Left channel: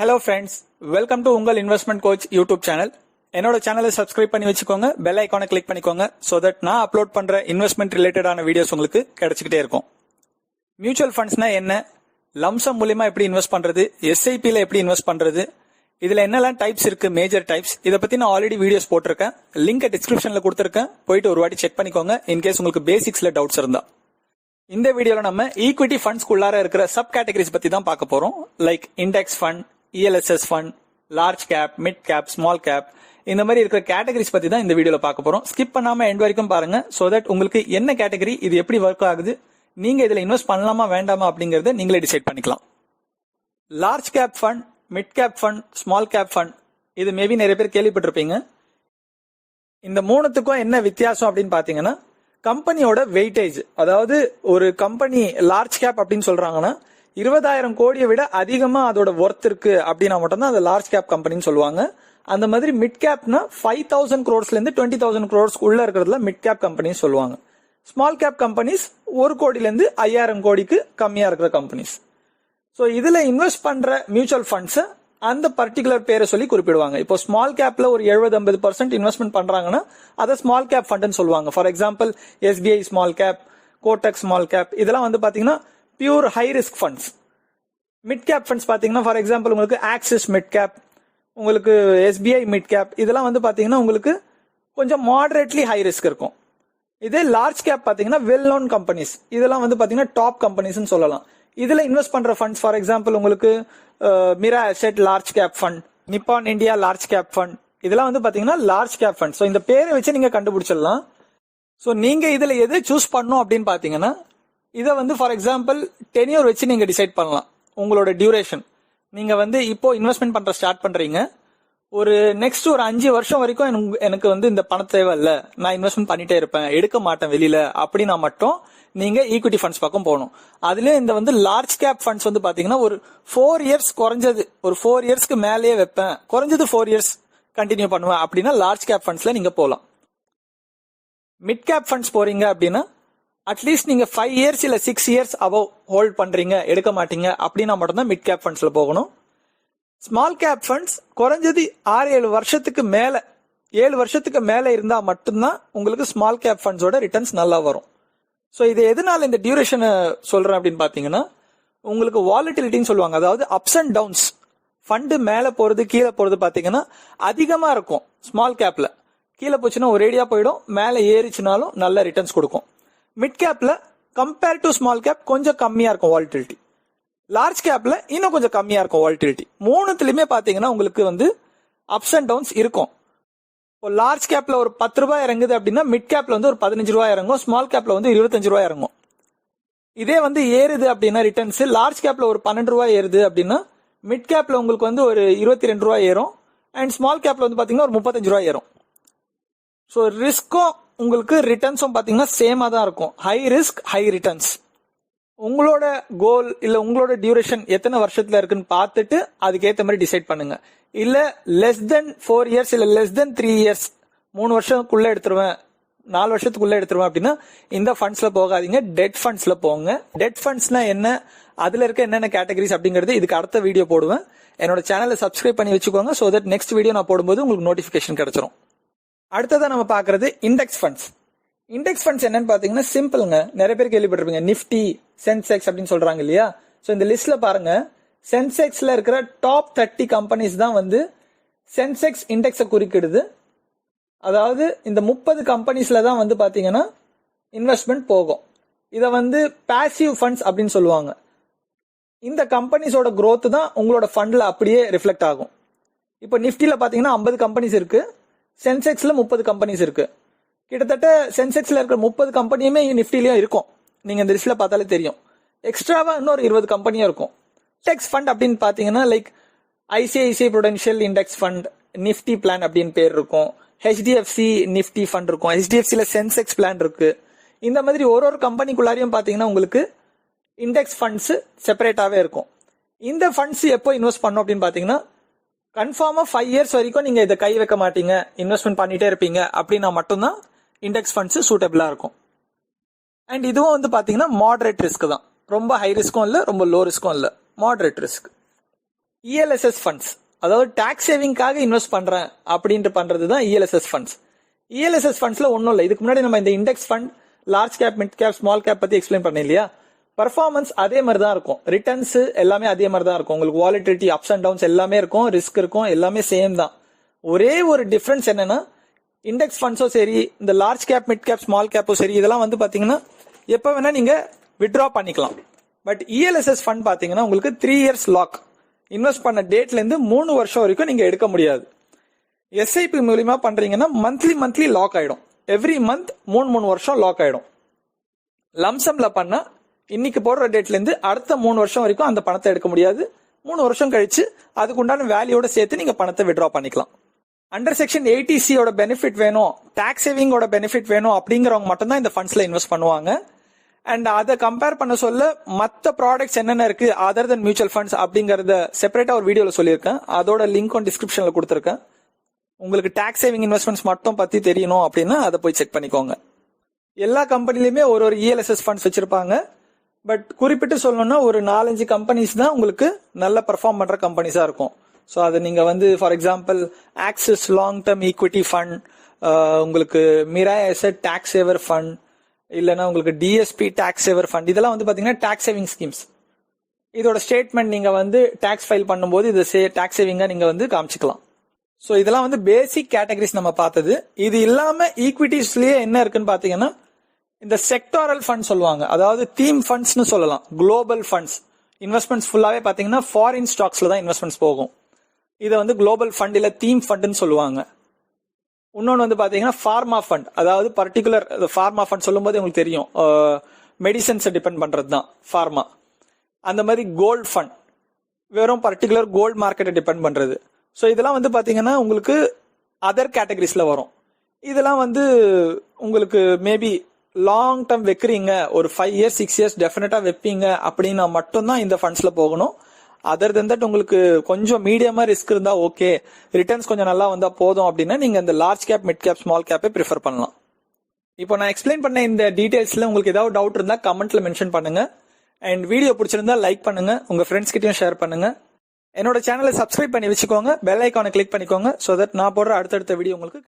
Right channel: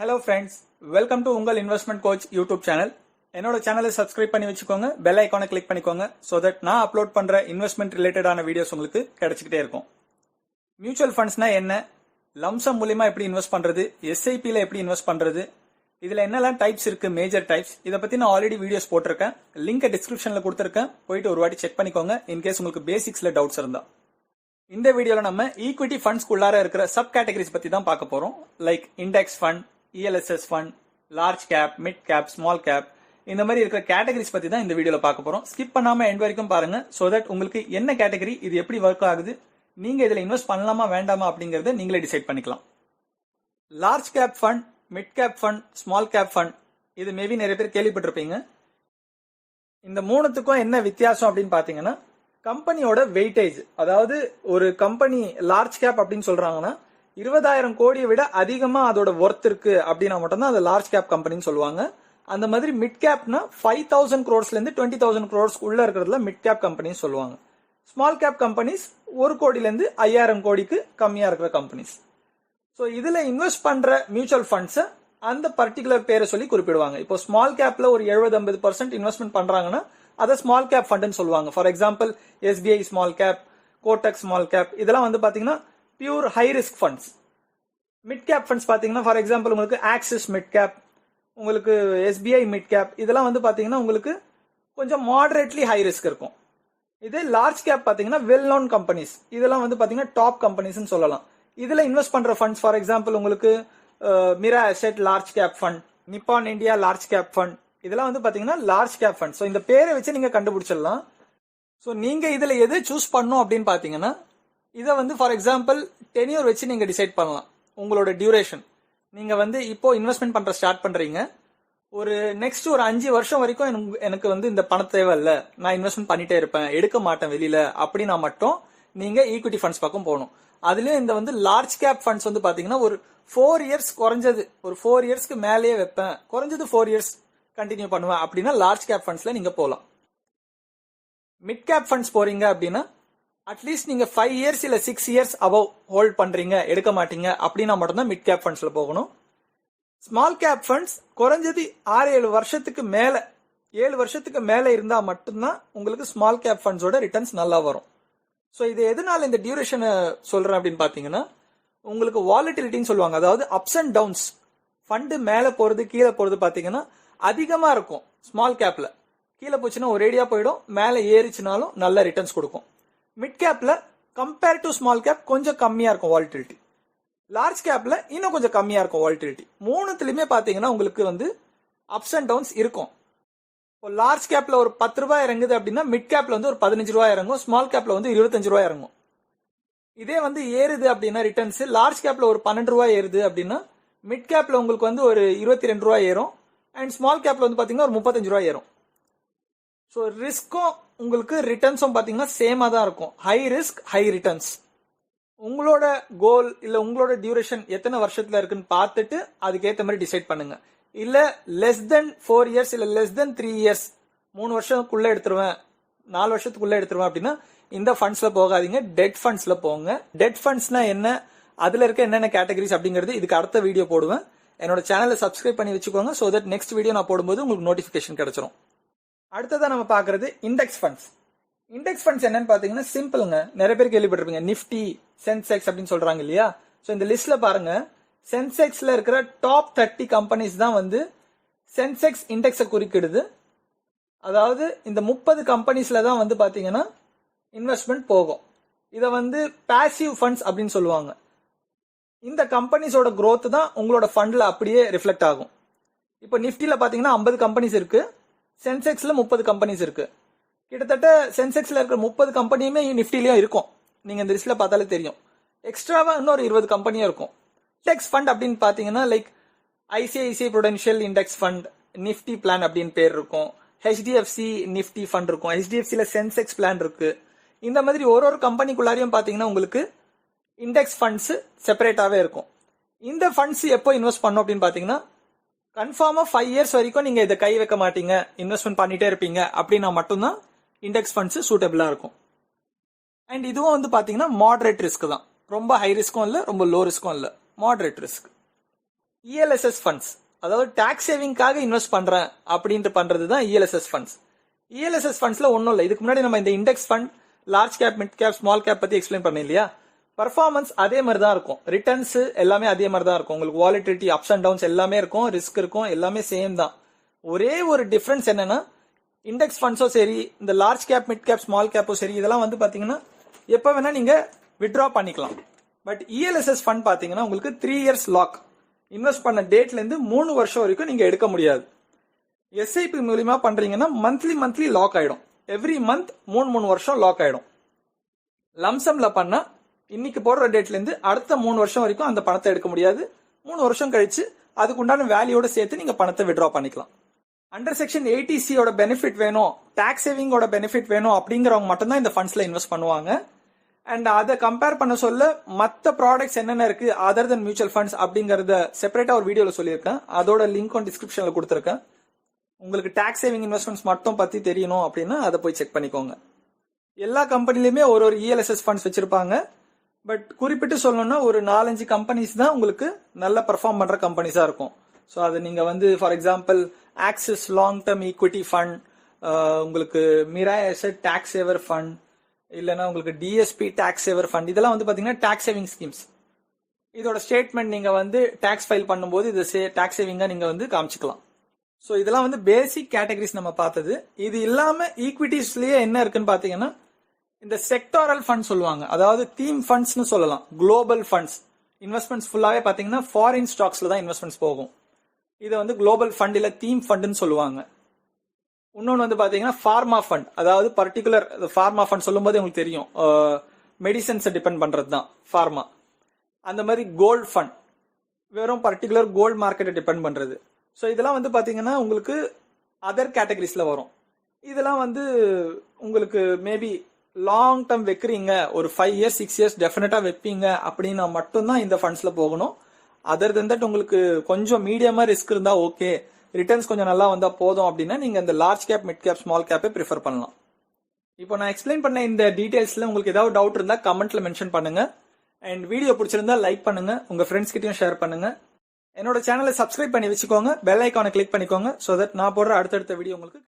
Hello friends, welcome to உங்கள் investment coach YouTube channel. என்னோட சேனலை சப்ஸ்கிரைப் பண்ணி வச்சுக்கோங்க, பெல் ஐக்கானை கிளிக் பண்ணிக்கோங்க. ஸோ தட் நான் அப்லோட் பண்ற இன்வெஸ்ட்மெண்ட் ரிலேட்டடான வீடியோஸ் உங்களுக்கு கிடைச்சிக்கிட்டே இருக்கும். மியூச்சுவல் ஃபண்ட்ஸ்னா என்ன, லம்சம் மூலியமா எப்படி இன்வெஸ்ட் பண்றது, எஸ்ஐபியில் எப்படி இன்வெஸ்ட் பண்றது, இதுல என்னெல்லாம் டைப்ஸ் இருக்கு, மேஜர் டைப்ஸ், இதை பத்தி நான் ஆல்ரெடி வீடியோஸ் போட்டிருக்கேன். லிங்க் டிஸ்கிரிப்ஷன்ல கொடுத்துருக்கேன், போயிட்டு ஒரு வாட்டி செக் பண்ணிக்கோங்க இன்கேஸ் உங்களுக்கு பேசிக்ஸ்ல டவுட்ஸ் இருந்தா. இந்த வீடியோல நம்ம ஈக்விட்டி ஃபண்ட்ஸ்க்குள்ளார இருக்கிற சப் கேட்டகரிஸ் பத்தி தான் பார்க்க போறோம். Like index fund, ELSS fund, large cap, mid cap, small cap, இந்த மாதிரி இருக்கிற கேட்டகரிஸ் பத்தி தான் இந்த வீடியோல பார்க்க போறோம். ஸ்கிப் பண்ணாம எண்ட் வரைக்கும் பாருங்க. சோ தட் உங்களுக்கு என்ன கேட்டகரி, இது எப்படி ஒர்க் ஆகுது, நீங்க இதுல இன்வெஸ்ட் பண்ணலாமா வேண்டாமா அப்படிங்கறத நீங்களே டிசைட் பண்ணிக்கலாம். Large cap fund, mid cap fund, small cap fund, இது மேபி நிறைய பேர் கேள்விப்பட்டிருப்பீங்க. இந்த மூணுத்துக்கும் என்ன வித்தியாசம் அப்படின்னு பாத்தீங்கன்னா, கம்பெனியோட வெயிட்டேஜ். அதாவது ஒரு கம்பெனி லார்ஜ் கேப் அப்படின்னு சொல்றாங்கன்னா 20,000 கோடியை விட அதிகமா அதோட ஒர்த் இருக்கு அப்படின்னா மட்டும்தான் அது லார்ஜ் கேப் கம்பெனின்னு சொல்லுவாங்க. அந்த மாதிரி மிட் கேப்னா 5,000 crores இருந்து 20,000 crores உள்ள இருக்கிறதுல மிட் கேப் கம்பெனிஸ் சொல்லுவாங்க. ஸ்மால் கேப் கம்பெனிஸ் 1 கோடியில இருந்து 5,000 கோடிக்கு கம்மியா இருக்கிற கம்பெனிஸ். ஸோ இதுல இன்வெஸ்ட் பண்ற மியூச்சுவல் ஃபண்ட்ஸ் அந்த பர்டிகுலர் பேரை சொல்லி குறிப்பிடுவாங்க. இப்போ ஸ்மால் கேப்ல ஒரு 70-80% இன்வெஸ்ட்மெண்ட் பண்றாங்கன்னா அதை ஸ்மால் கேப் ஃபண்ட்னு சொல்லுவாங்க. For example SBI small cap, Kotak small cap, இதெல்லாம் வந்து பாத்தீங்கன்னா pure high risk funds. Mid cap funds பாத்தீங்கன்னா ஃபார் எக்ஸாம்பிள் உங்களுக்கு ஆக்சிஸ் மிட் கேப், உங்களுக்கு SBI மிட் கேப், இதெல்லாம் வந்து பாத்தீங்கன்னா உங்களுக்கு கொஞ்சம் மாடரேட்லி ஹை ரிஸ்க் இருக்கும். இதே லார்ஜ் கேப் பாத்தீங்கன்னா வெல் நோன் கம்பெனிஸ், இதெல்லாம் வந்து பாத்தீங்கன்னா டாப் கம்பெனிஸ் சொல்லலாம். இதுல இன்வெஸ்ட் பண்ற ஃபண்ட்ஸ் ஃபார் எக்ஸாம்பிள் உங்களுக்கு Mirae asset large cap fund, Nippon India large cap fund, இதெல்லாம் வந்து பாத்தீங்கன்னா லார்ஜ் கேப் ஃபண்ட். ஸோ இந்த பேரை வச்சு நீங்க கண்டுபிடிச்சிடலாம். ஸோ நீங்க இதுல எது சூஸ் பண்ணும் அப்படின்னு பாத்தீங்கன்னா, இதை வந்து ஃபார் எக்ஸாம்பிள் டென்யூர் வச்சு நீங்க டிசைட் பண்ணலாம். உங்களோட டியூரேஷன், நீங்க வந்து இப்போ இன்வெஸ்ட்மெண்ட் பண்ற ஸ்டார்ட் பண்றீங்க, ஒரு நெக்ஸ்ட் ஒரு 5 வருஷம் வரைக்கும் எனக்கு வந்து இந்த பணம் தேவை இல்ல, நான் இன்வெஸ்ட்மெண்ட் பண்ணிட்டே இருப்பேன், எடுக்க மாட்டேன் வெளியில அப்படின்னா மட்டும் நீங்க ஈக்விட்டி ஃபண்ட்ஸ் பக்கம் போகணும். அதுலயும் இந்த வந்து லார்ஜ் கேப் ஃபண்ட்ஸ் வந்து பாத்தீங்கன்னா ஒரு 4 இயர்ஸ் குறைஞ்சது, ஒரு 4 இயர்ஸ்க்கு மேலேயே வைப்பேன், குறைஞ்சது 4 இயர்ஸ் கண்டினியூ பண்ணுவேன் அப்படின்னா லார்ஜ் கேப் ஃபண்ட்ஸ்ல நீங்க போகலாம். மிட் கேப் ஃபண்ட்ஸ் போறீங்க அப்படின்னா அட்லீஸ்ட் நீங்க 5 இயர்ஸ் இல்ல 6 இயர்ஸ் அபவ் ஹோல்ட் பண்றீங்க, எடுக்க மாட்டீங்க அப்படின்னா மட்டும்தான் மிட் கேப் ஃபண்ட்ஸ்ல போகணும். ஸ்மால் கேப் ஃபண்ட்ஸ் குறைஞ்சது 6-7 வருஷத்துக்கு மேல, 7 வருஷத்துக்கு மேல இருந்தா மட்டும்தான் உங்களுக்கு ஸ்மால் கேப் ஃபண்ட்ஸோட ரிட்டர்ன்ஸ் நல்லா வரும். ஸோ இது எதனால இந்த டியூரேஷனை சொல்றேன் அப்படின்னு பாத்தீங்கன்னா, உங்களுக்கு வாலட்டிலிட்டின்னு சொல்லுவாங்க. அதாவது அப்ஸ் அண்ட் டவுன்ஸ், ஃபண்டு மேல போறது கீழே போறது பாத்தீங்கன்னா அதிகமா இருக்கும். ஸ்மால் கேப்ல கீழே போச்சுன்னா ஒரேடியா போயிடும், மேல ஏறிச்சுனாலும் நல்ல ரிட்டர்ன்ஸ் கொடுக்கும். மிட் கேப்ல கம்பேர் டு ஸ்மால் கேப் கொஞ்சம் கம்மியா இருக்கும் வாலட்டிலிட்டி, லார்ஜ் கேப்ல இன்னும் கொஞ்சம் கம்மியா இருக்கும் வாலட்டிலிட்டி. மூணுத்துலயுமே பாத்தீங்கன்னா உங்களுக்கு வந்து அப்ஸ் அண்ட் டவுன்ஸ் இருக்கும். இப்போ லார்ஜ் கேப்ல ஒரு 10 ரூபாய் இறங்குது அப்படின்னா மிட் கேப்ல வந்து ஒரு 15 ரூபாய் இறங்கும், ஸ்மால் கேப்ல வந்து 25 ரூபாய் இறங்கும். இதே வந்து ஏறுது அப்படின்னா ரிட்டர்ன்ஸ், லார்ஜ் கேப்ல ஒரு 12 ரூபாய் ஏறுது அப்படின்னா மிட் கேப்ல உங்களுக்கு வந்து ஒரு 22 ரூபாய் ஏறும், அண்ட் ஸ்மால் கேப்ல வந்து பாத்தீங்கன்னா ஒரு 35 ரூபாய் ஏறும். ஸோ ரிஸ்க்கும் உங்களுக்கு ரிட்டர்ன்ஸும் பாத்தீங்கன்னா சேமா தான் இருக்கும். High risk high returns. உங்களோட கோல் இல்ல உங்களோட டியூரேஷன் எத்தனை வருஷத்துல இருக்குன்னு பார்த்துட்டு அதுக்கேற்ற மாதிரி டிசைட் பண்ணுங்க. இல்ல லெஸ் தென் 4 இயர்ஸ் இல்ல லெஸ் தென் 3 இயர்ஸ், 3 வருஷத்துக்குள்ள எடுத்துருவேன், 4 வருஷத்துக்குள்ள எடுத்துருவேன் அப்படின்னா இந்த ஃபண்ட்ஸ்ல போகாதீங்க, டெட் ஃபண்ட்ஸ்ல போங்க. டெட் ஃபண்ட்ஸ்னா என்ன, அதுல இருக்க என்னென்ன கேட்டகரிஸ் அப்படிங்கிறது இதுக்கு அடுத்த வீடியோ போடுவேன். என்னோட சேனலை சப்ஸ்கிரைப் பண்ணி வச்சுக்கோங்க. சோ தட் நெக்ஸ்ட் வீடியோ நான் போடும்போது உங்களுக்கு நோட்டிபிகேஷன் கிடைச்சிரும். அடுத்ததா நம்ம பாக்குறது இண்டெக்ஸ் ஃபண்ட்ஸ். இண்டெக்ஸ் ஃபண்ட்ஸ் என்னன்னு பாத்தீங்கன்னா சிம்பிள்ங்க, நிறைய பேர் கேள்விப்பட்டிருப்பீங்க, நிஃப்டி, சென்செக்ஸ் அப்படின்னு சொல்றாங்க இல்லையா. சோ இந்த லிஸ்ட்ல பாருங்க, சென்செக்ஸ்ல இருக்கிற டாப் 30 கம்பெனிஸ் தான் வந்து சென்செக்ஸ் இண்டெக்ஸை குறிக்கிடுது. அதாவது இந்த 30 கம்பெனிஸ்ல தான் வந்து பாத்தீங்கன்னா இன்வெஸ்ட்மெண்ட் போகும். இதை வந்து பாசிவ் ஃபண்ட்ஸ் அப்படின்னு சொல்லுவாங்க. இந்த கம்பெனிஸோட growth தான் உங்களோட ஃபண்ட்ல அப்படியே ரிஃப்ளெக்ட் ஆகும். இப்போ நிஃப்டில பாத்தீங்கன்னா 50 கம்பெனிஸ் இருக்கு, சென்செக்ஸ்ல 30 கம்பெனிஸ் இருக்கு. கிட்டத்தட்ட சென்செக்ஸ்ல இருக்கிற 30 கம்பெனியுமே நிஃப்டிலயும் இருக்கும். நீங்க இந்த லிஸ்ட்ல பார்த்தாலே தெரியும். எக்ஸ்ட்ராவா இன்னொரு 20 கம்பெனியும் இருக்கும். இண்டெக்ஸ் ஃபண்ட் அப்படின்னு பாத்தீங்கன்னா like ICICI Prudential index fund, Nifty plan அப்படின்னு பேர் இருக்கும், HDFC நிஃப்டி ஃபண்ட் இருக்கும், HDFCல சென்செக்ஸ் பிளான் இருக்கு. இந்த மாதிரி ஒரு கம்பெனிக்குள்ளாரையும் பாத்தீங்கன்னா உங்களுக்கு இண்டெக்ஸ் ஃபண்ட்ஸ் செப்பரேட்டாவே இருக்கும். இந்த ஃபண்ட்ஸ் எப்போ இன்வெஸ்ட் பண்ணும் அப்படின்னு பாத்தீங்கன்னா, கன்ஃபார்மா 5 இயர்ஸ் வரைக்கும் நீங்க இதை கை வைக்க மாட்டீங்க, இன்வெஸ்ட்மெண்ட் பண்ணிட்டே இருப்பீங்க அப்படின்னா மட்டும்தான் இண்டெக்ஸ் ஃபண்ட்ஸ் சூட்டபிளா இருக்கும். அண்ட் இதுவும் வந்து பாத்தீங்கன்னா மாடரேட் ரிஸ்க் தான், ரொம்ப ஹை ரிஸ்க்கும் இல்ல ரொம்ப லோ ரிஸ்க்கும் இல்ல, மாடரேட் ரிஸ்க். இஎல்எஸ்எஸ் ஃபண்ட்ஸ், அதாவது டாக்ஸ் சேவிங்காக இன்வெஸ்ட் பண்றேன் அப்படின்ட்டு பண்றது தான் இஎல்எஸ்எஸ் ஃபண்ட்ஸ். இஎல்எஸ்எஸ் ஃபண்ட்ஸ்ல ஒன்றும் இல்லை. இதுக்கு முன்னாடி நம்ம இந்த index fund, large cap, mid cap, small cap பத்தி எக்ஸ்பிளைன் பண்ணேன் இல்லையா? பர்ஃபார்மன்ஸ் அதே மாதிரி தான் இருக்கும், ரிட்டர்ன்ஸ் எல்லாமே அதே மாதிரி தான் இருக்கும், உங்களுக்கு வாலிட்டிலிட்டி அப்ஸ் அண்ட் டவுன்ஸ் எல்லாமே இருக்கும், ரிஸ்க் இருக்கும், எல்லாமே சேம் தான். ஒரே ஒரு டிஃபரன்ஸ் என்னன்னா, இண்டெக்ஸ் ஃபண்ட்ஸும் சரி, இந்த large cap, mid cap, small கேப்பும் சரி, இதெல்லாம் வந்து பாத்தீங்கன்னா எப்ப வேணா நீங்க வித்ட்ரா பண்ணிக்கலாம். பட் இஎல்எஸ்எஸ் ஃபண்ட் பாத்தீங்கன்னா உங்களுக்கு 3 இயர்ஸ் லாக், இன்வெஸ்ட் பண்ண டேட்ல இருந்து 3 வருஷம் வரைக்கும் நீங்க எடுக்க முடியாது. எஸ்ஐபி மூலியமா பண்றீங்கன்னா மந்த்லி லாக் ஆயிடும், எவ்ரி மந்த் 3 வருஷம் லாக் ஆயிடும். லம்சம்ல பண்ணா இன்னைக்கு போடுற டேட்ல இருந்து அடுத்த 3 வருஷம் வரைக்கும் அந்த பணத்தை எடுக்க முடியாது. 3 வருஷம் கழிச்சு அதுக்கு உண்டான வேல்யூட சேர்த்து நீங்க பணத்தை வித்ட்ரா பண்ணிக்கலாம். அண்டர் செக்ஷன் 80C பெனிஃபிட் வேணும், டாக்ஸ் சேவிங்கோட பெனிஃபிட் வேணும் அப்படிங்கிறவங்க மட்டும்தான் இந்த ஃபண்ட்ஸ்ல இன்வெஸ்ட் பண்ணுவாங்க. அண்ட் அதை கம்பேர் பண்ண சொல்ல மற்ற ப்ராடக்ட்ஸ் என்னென்ன இருக்கு அதர் தென் மியூச்சுவல் ஃபண்ட்ஸ் அப்படிங்கறத செப்பரேட்டா ஒரு வீடியோல சொல்லியிருக்கேன், அதோட லிங்க் டிஸ்கிரிப்ஷன்ல கொடுத்துருக்கேன். உங்களுக்கு டாக்ஸ் சேவிங் இன்வெஸ்ட்மெண்ட்ஸ் மட்டும் பத்தி தெரியணும் அப்படின்னா அதை போய் செக் பண்ணிக்கோங்க. எல்லா கம்பெனிலுமே ஒரு இஎல்எஸ்எஸ் ஃபண்ட்ஸ் வச்சிருப்பாங்க. பட் குறிப்பிட்டு சொல்லணும்னா ஒரு 4-5 கம்பெனிஸ் தான் உங்களுக்கு நல்ல பெர்ஃபார்ம் பண்ற கம்பெனிஸா இருக்கும். ஸோ அது நீங்க வந்து for example axis long term equity fund, உங்களுக்கு மிராய் அசெட் டாக்ஸ் சேவர் ஃபண்ட், இல்லைன்னா உங்களுக்கு டிஎஸ்பி டாக்ஸ் சேவர் ஃபண்ட், இதெல்லாம் வந்து பாத்தீங்கன்னா டாக்ஸ் சேவிங் ஸ்கீம்ஸ். இதோட ஸ்டேட்மெண்ட் நீங்க வந்து டாக்ஸ் ஃபைல் பண்ணும்போது இது டாக்ஸ் சேவிங்கா நீங்க வந்து காமிச்சுக்கலாம். ஸோ இதெல்லாம் வந்து பேசிக் கேட்டகரிஸ் நம்ம பார்த்தது. இது இல்லாம ஈக்விட்டிஸ்லயே என்ன இருக்குன்னு பாத்தீங்கன்னா இந்த செக்டாரல் ஃபண்ட் சொல்லுவாங்க, அதாவது தீம் ஃபண்ட்ஸ்னு சொல்லலாம், குளோபல் ஃபண்ட்ஸ். இன்வெஸ்ட்மெண்ட்ஸ் ஃபுல்லாவே பாத்தீங்கன்னா ஃபாரின் ஸ்டாக்ஸ்ல தான் இன்வெஸ்ட்மெண்ட்ஸ் போகும். இதை வந்து குளோபல் ஃபண்ட் இல்ல தீம் ஃபண்ட்னு சொல்லுவாங்க. இன்னொன்று வந்து பாத்தீங்கன்னா ஃபார்மா ஃபண்ட், அதாவது பர்டிகுலர் ஃபார்மா ஃபண்ட் சொல்லும் போது உங்களுக்கு தெரியும் மெடிசன்ஸை டிபெண்ட் பண்றது தான் ஃபார்மா. அந்த மாதிரி கோல்ட் ஃபண்ட் வெறும் பர்டிகுலர் கோல்ட் மார்க்கெட்டை டிபெண்ட் பண்றது. ஸோ இதெல்லாம் வந்து பாத்தீங்கன்னா உங்களுக்கு அதர் கேட்டகரிஸ்ல வரும். இதெல்லாம் வந்து உங்களுக்கு மேபி லாங் டர்ம் வைக்கிறீங்க, ஒரு 5 இயர்ஸ் 6 இயர்ஸ் டெஃபினட்டா வைப்பீங்க அப்படின்னா மட்டும்தான் இந்த ஃபண்ட்ஸ்ல போகணும். அதர் தென் தட் உங்களுக்கு கொஞ்சம் மீடியமா ரிஸ்க் இருந்தா ஓகே, ரிட்டர்ன்ஸ் கொஞ்சம் நல்லா வந்தா போதும் அப்படின்னா நீங்க இந்த large cap, mid cap, small கேப்பை ப்ரிஃபர் பண்ணலாம். இப்போ நான் எக்ஸ்பிளைன் பண்ண இந்த டீடைல்ஸ்ல உங்களுக்கு ஏதாவது டவுட் இருந்தா கமெண்ட்ல மென்ஷன் பண்ணுங்க. அண்ட் வீடியோ பிடிச்சிருந்தா லைக் பண்ணுங்க, உங்க ஃப்ரெண்ட்ஸ் கிட்டயும் ஷேர் பண்ணுங்க. என்னோட சேனலை சப்ஸ்கிரைப் பண்ணி வச்சுக்கோங்க, பெல் ஐக்கானை கிளிக் பண்ணிக்கோங்க, சோ தட் நான் போடுற அடுத்தடுத்த வீடியோ உங்களுக்கு